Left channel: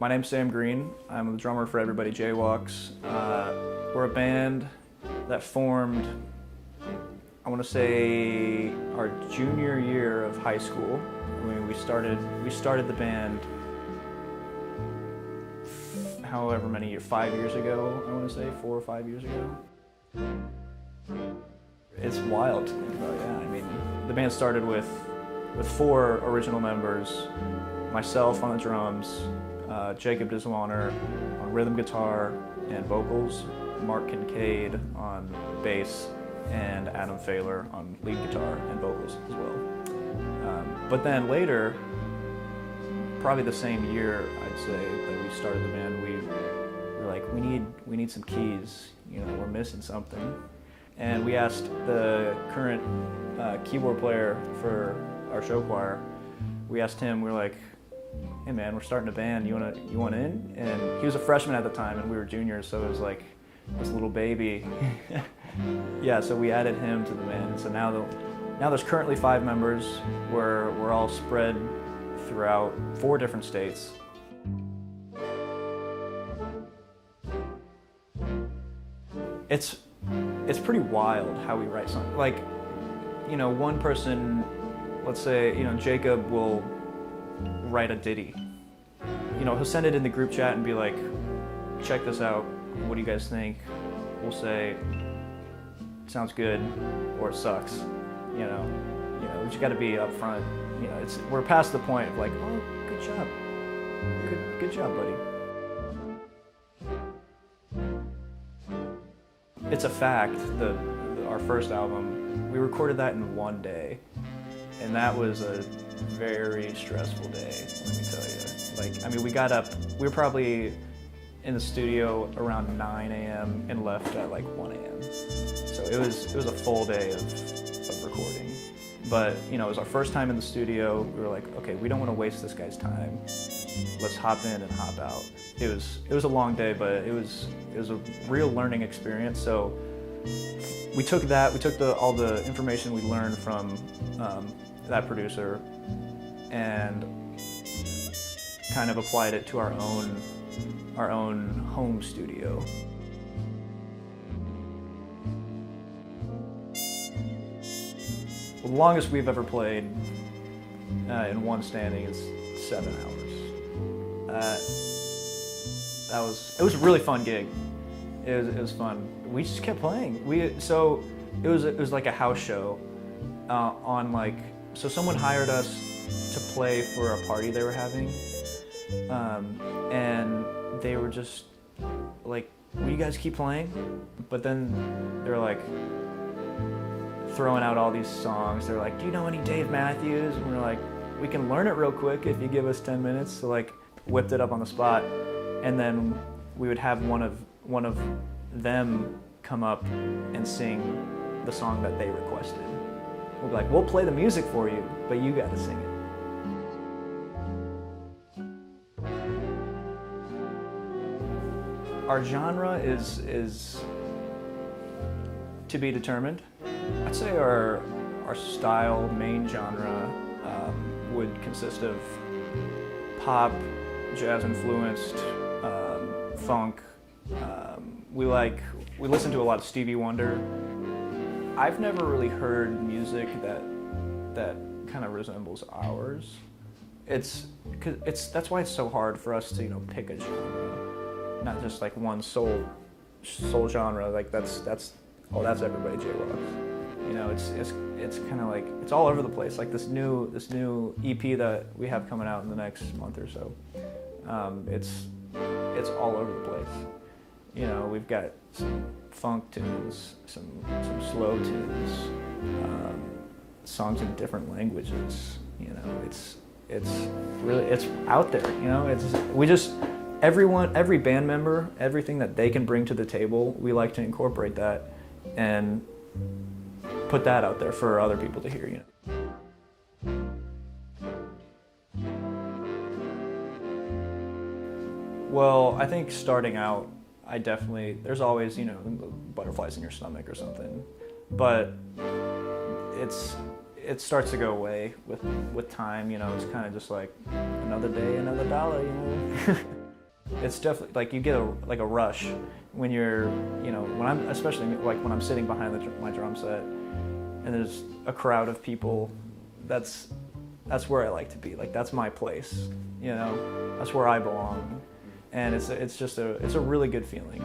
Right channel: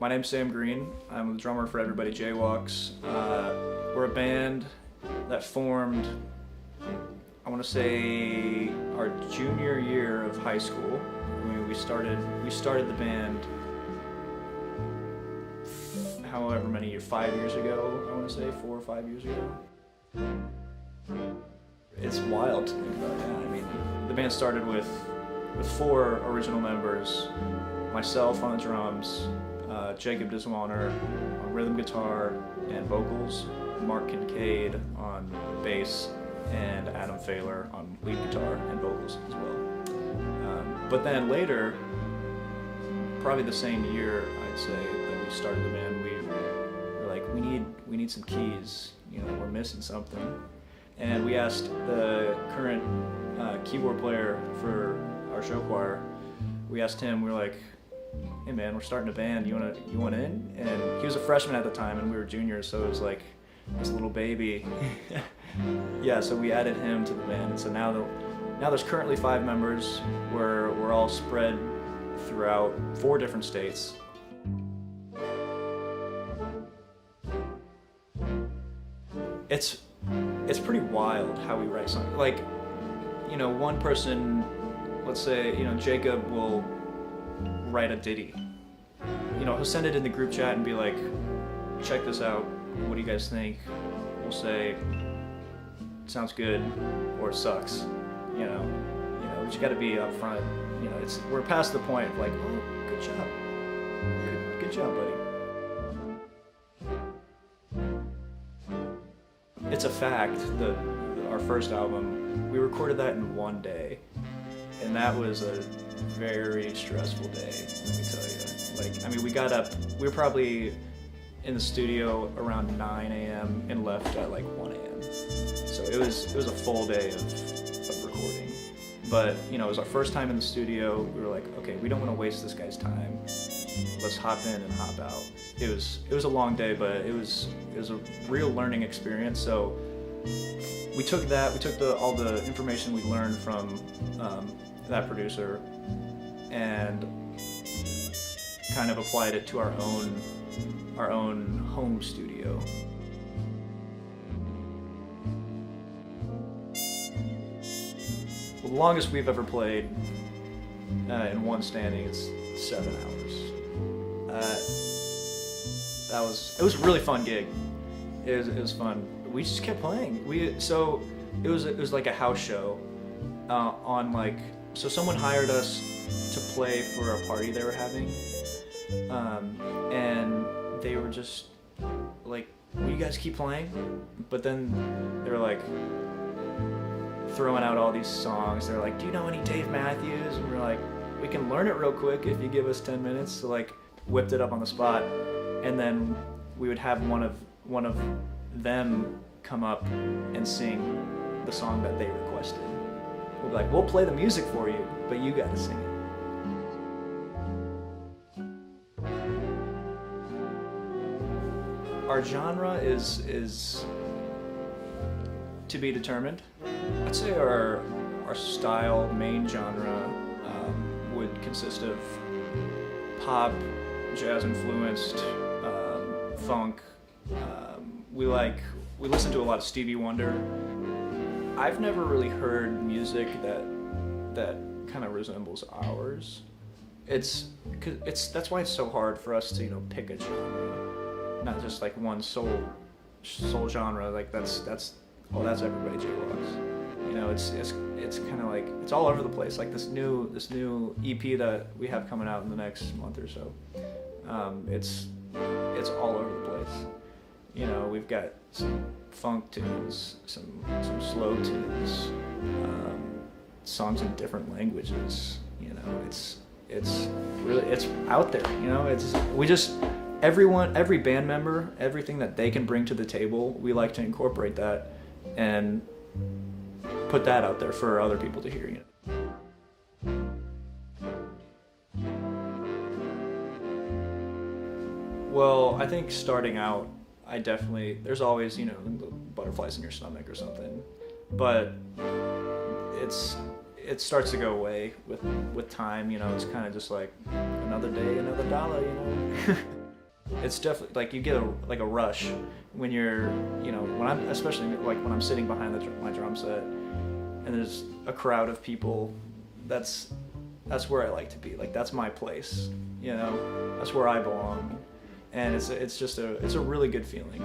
My name's SamGreen. I'm the drummer for Everybody Jaywalks. We're a band that formed, I want to say, our junior year of high school. We started the band however many years, 5 years ago, I want to say 4 or 5 years ago. It's wild to think about, yeah. I mean, the band started with 4 original members, myself on the drums, Jacob Diswaner on rhythm guitar and vocals, Mark Kincaid on bass, and Adam Failer on lead guitar and vocals as well. But then later, probably the same year, I'd say, that we started the band, we were like, we need some keys. You know, we're missing something. And we asked the current keyboard player for our show choir, we asked him, we were like, hey man, we're starting a band, you want in? And he was a freshman at the time and we were juniors, so it was like this little baby. Yeah, so we added him to the band. So now there's currently 5 members. We're all spread throughout 4 different states. It's pretty wild how we write songs. Like, you know, one person, let's say, you know, Jacob will write a ditty. You know, he'll send it in the group chat and be like, check this out, what do you guys think? We'll say, sounds good, or it sucks, you know, but you gotta be upfront. You know, we're past the point of like, oh, good job. Good job, buddy. It's a fact that our first album, we recorded that in 1 day. And that was a very stressful day, let me tell you. Like, I mean, we got up, we were probably in the studio around 9 a.m. and left at like 1 a.m. So it was a full day of recording. But, you know, it was our first time in the studio. We were like, okay, we don't want to waste this guy's time. Let's hop in and hop out. It was a long day, but it was a real learning experience. So we took all the information we learned from that producer and kind of applied it to our own home studio. The longest we've ever played in one standing is 7 hours. It was a really fun gig. It was fun. We just kept playing. It was like a house show so someone hired us to play for a party they were having, and they were just like, will you guys keep playing? But then they were like throwing out all these songs. They're like, do you know any Dave Matthews? And we're like, we can learn it real quick if you give us 10 minutes. So like, whipped it up on the spot, and then we would have one of them come up and sing the song that they requested. We're like, we'll play the music for you, but you gotta sing it. Our genre is to be determined. I'd say our style, main genre, would consist of pop, jazz influenced, funk. We listen to a lot of Stevie Wonder. I've never really heard music that kind of resembles ours. That's why it's so hard for us to, you know, pick a genre, not just like one sole genre. Like that's Everybody Jaywalks. You know, it's kind of like it's all over the place. Like this new EP that we have coming out in the next month or so. It's all over the place. You know, we've got some funk tunes, some slow tunes, songs in different languages. You know, it's out there. You know, every band member, everything that they can bring to the table, we like to incorporate that and put that out there for other people to hear. You know. Well, I think starting out, there's always, you know, butterflies in your stomach or something, but it starts to go away with time. You know, it's kind of just like another day, another dollar, you know. it's definitely like you get a rush when you're, you know, when I'm, especially like when I'm sitting behind my drum set and there's a crowd of people. That's where I like to be. Like, that's my place, you know. That's where I belong, and it's a really good feeling.